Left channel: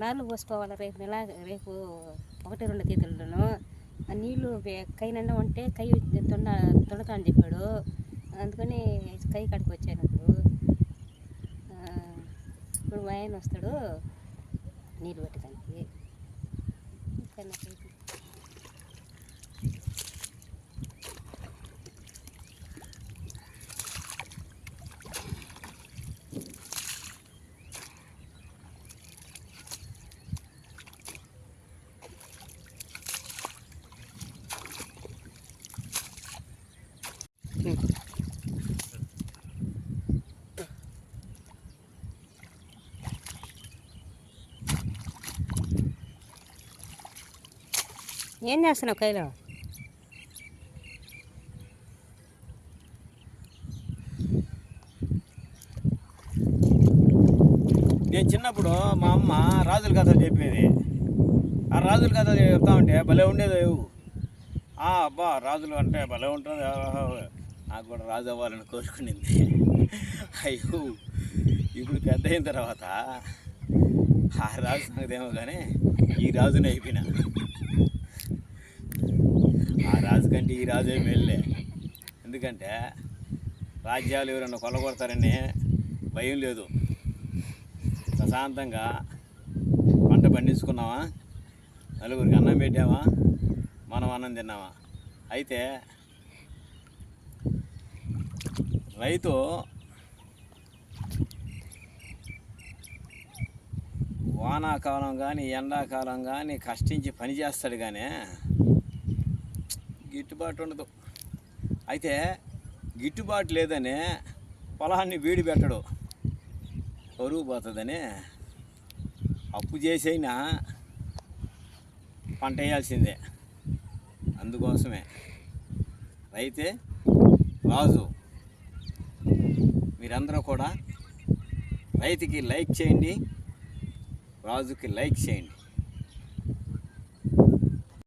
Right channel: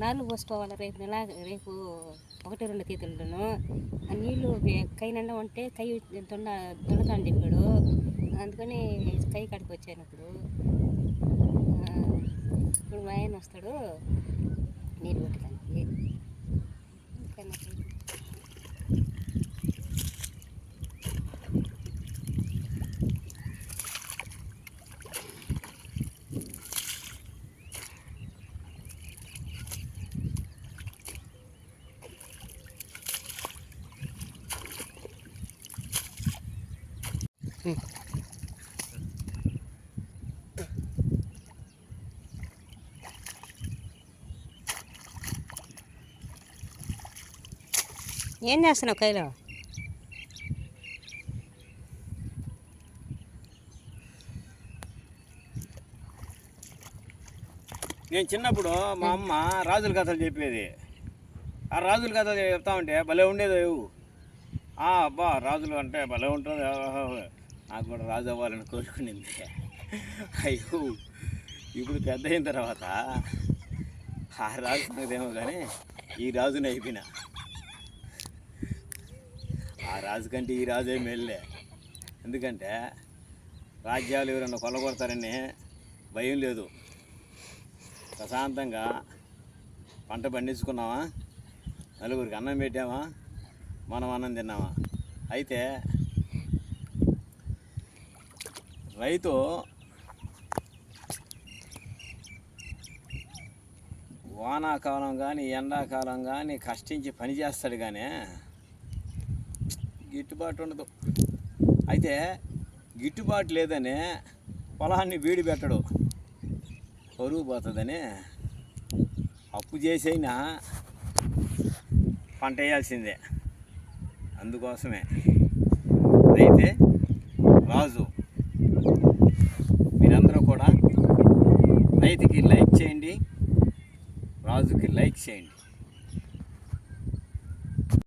నాళ్ళు పోసుకోవాలి రేపు నెల రేపు ఒకటి రెండు తీతులను ఆ నీళ్ళు కై నిండా ఉంటే కై తొండ తొండతా అని చెప్పాడు. అందుకని కై కాడికి వచ్చాను ఇప్పుడు. ఇప్పుడు మా ఆయన వస్తాడు నీళ్ళు పెట్టడానికి ఇంకా నాకు ఏం చేస్తున్నావు కైలో? నేను చిన్నప్పుడు మా అమ్మ రాజుల కథలు చెప్పేది. ఆ రాజుల కథలు చెప్తా ఉంటే భలే ఉండేది ఆ అబ్బా రాజులు అంటే భలే ఉంటుంది. నాకు కూడా రాజు అవ్వాలని కోరుకునింది. అయ్యో ఇప్పుడు పెద్ద అయిన తర్వాత ఆ రాజు సంగతి ఏమో కానీ ఈ రాజుని అయిపోయినా. రాజు కంటే ఈ రాజే మేల్లే ఎందుకంటే రాజ్యాలు ఎవరన్నా కొల్లగొడతారని భయం లేదు. ప్రశాంతంగా పంట పండించుకున్నామా? నలుగురికి అన్నం పెట్టామా? మనం అన్నం తిన్నామా? అయితే రైతు వానాకాలం కానీ ఎండాకాలం కానీ కష్టించి పని చేస్తాడు కానీ గిట్టుబాటు ఉండదు. అయితే గిట్టుబాటు లేదని పొలాన్ని వీడి పెట్టడు. పరువు పోతుందని అప్పు చేసైనా పంట వేయాల్సిందే. అందుకోసమే. అయితే రాజు మీరందరూ కూడా రైతుకి లైక్ చేయండి రాజుకి లైక్ చేయండి.